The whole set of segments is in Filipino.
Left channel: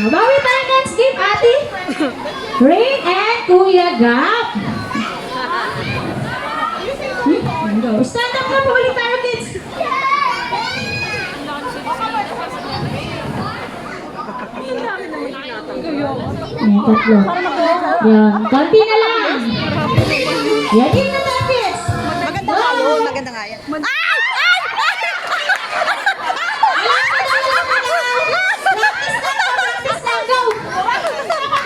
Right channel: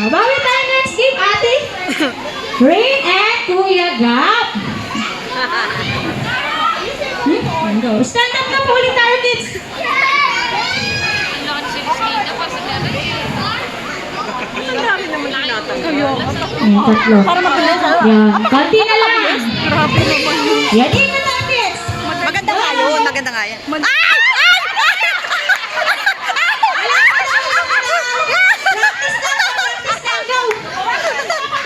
Bawi tayo next game, ate. Rain and Kuya Gap. Stand up na po ulit tayo, kids. Tatlo. Yan. Konti na lang. Yan, ingat tayo, kids. Maganda nga yun, maganda nga yan. Ay! Ay!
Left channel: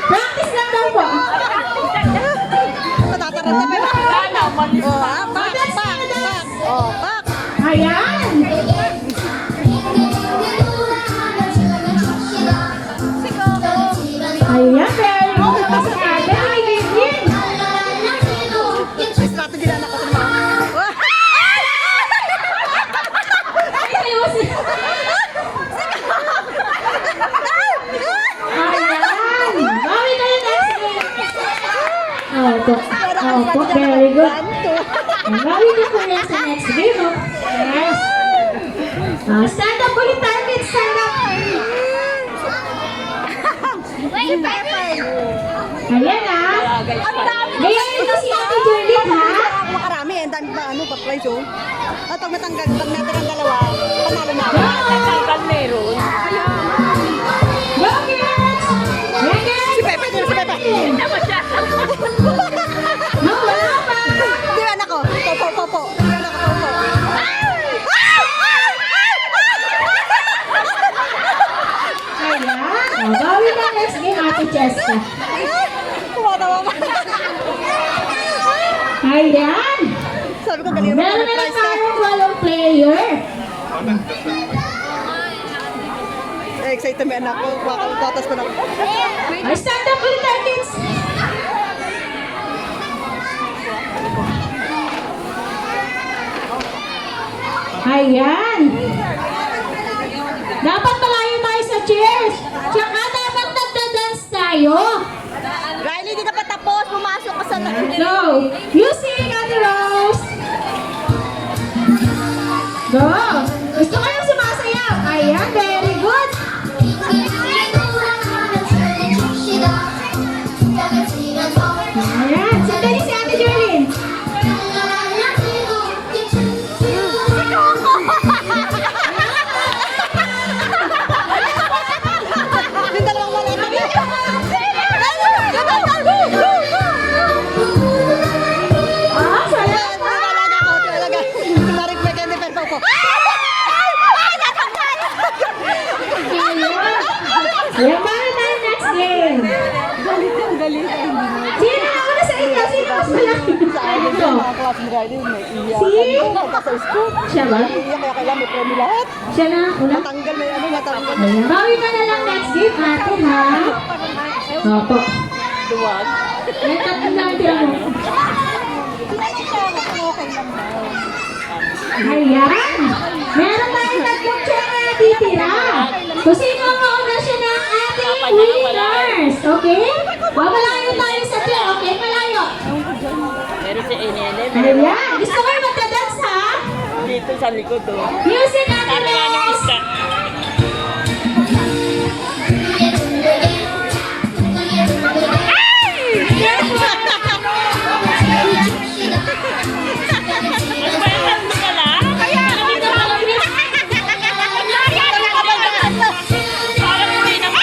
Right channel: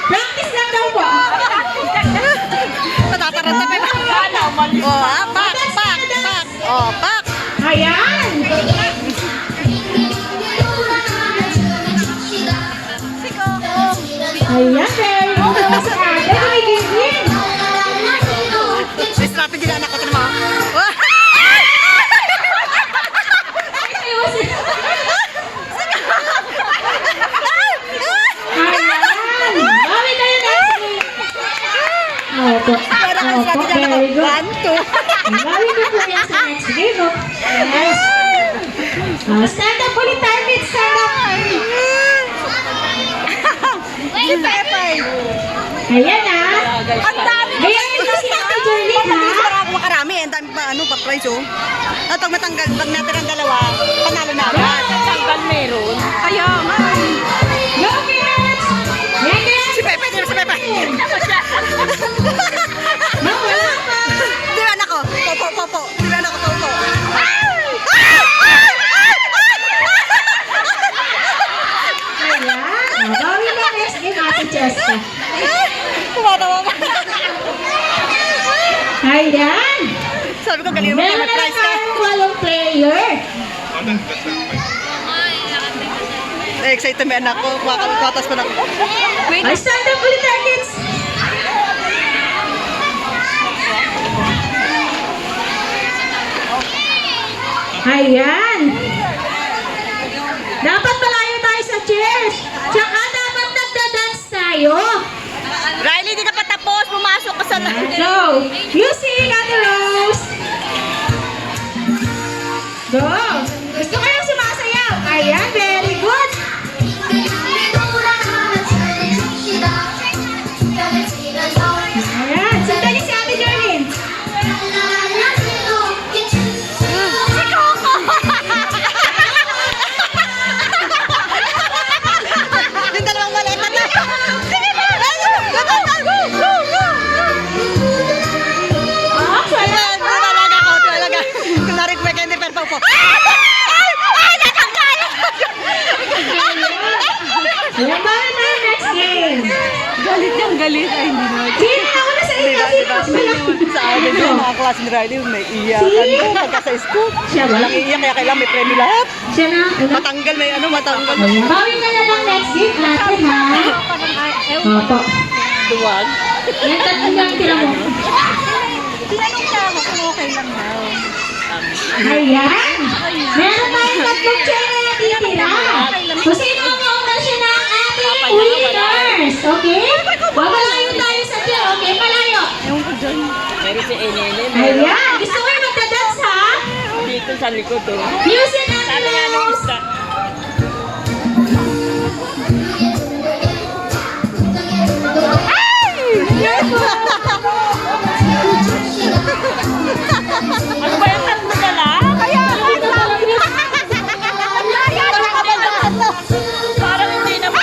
Practice lang daw po. Natataranta pa yun. Oh, back. Oh, back. Ayan. Ayan, very good. Ada tumigil. May strategy na anak ko. Tignan mo. Bawi kayo next game. Opo. Opo, very good. Bawi niyo po yan sa next game. Oh. Yes. Stand up ulit tayo, kids. Stand up. Ayan ah. Gayahin mo si Ate Juliet ha. Makarami, ang dami pa, pa-price oh. At pag matanggal, pag natin ang dalawa, panalo na agad. Meron. Kaya, Go, kids. Yan yan. si Pepe. No, wala pa. Di ba anak ko? Popo. Di ba anak ko? Popo. Ayan. Bawi na next game, Ate Cheska. Tumatawa ka. Ayan. Sabi ko, galing mo Meron na na price ka. tayong walong player. Excited may anak ko. Kwatas pa na. Ay, stand up ulit tayo, kids. Ayan. Dapat malayo tayo sa chairs. Tsaka dapat nagda-dance tayo. Riley, di ka pa tapos. Pumasok ka sa Go. Music, Ate Rose. Go. Gusto kayong sumasayaw? Ayan, very good. Ayan, sandali si Ate Jolene. Yung dalawang maleta na. Ayan, talaga ako. Talaga. Kung narit may candy per po. Ay, natanggal! Ayan ba na next game? Galit. Ay, hindi na. Sino na una sa inyo? Sino mas malaki? Sa amin yung mga klase ni Riley, may iyakan ko pagka sa school. Siya ba? Walang iyak, kaya kailangan may premyo lahat. Siya na una? Matanggal, may ano, matanggal. Ayan, bawi ka na lang next game, ate ha? Opo. Duwag. Yan, tatlo na ang tira mo. Ayan! Meron tayong tatlong chair na natitira. Kung sino ang mauna siya ng ating winners. Okay? Malayo tayo sa chair. Okay, malayo. Meron si Enene. Ayan! Gusto mo yung magdadance ha? Dito sa likod oh. Music at Sabi nga nung Rose! isa. Magbayakan mo na lang. Parang hindi naman.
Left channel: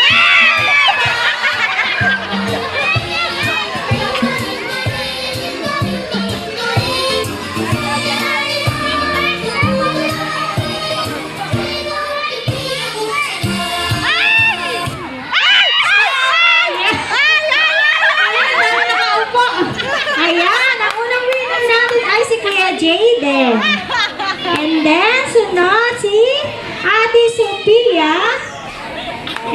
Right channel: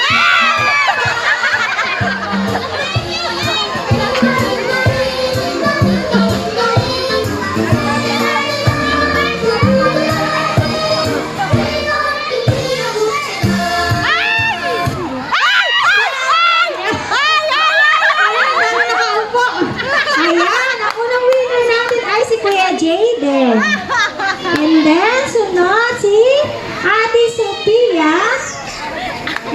Ayan, ang unang winner natin ay si Kuya Jayden. And then, sunod si Ate Sophia.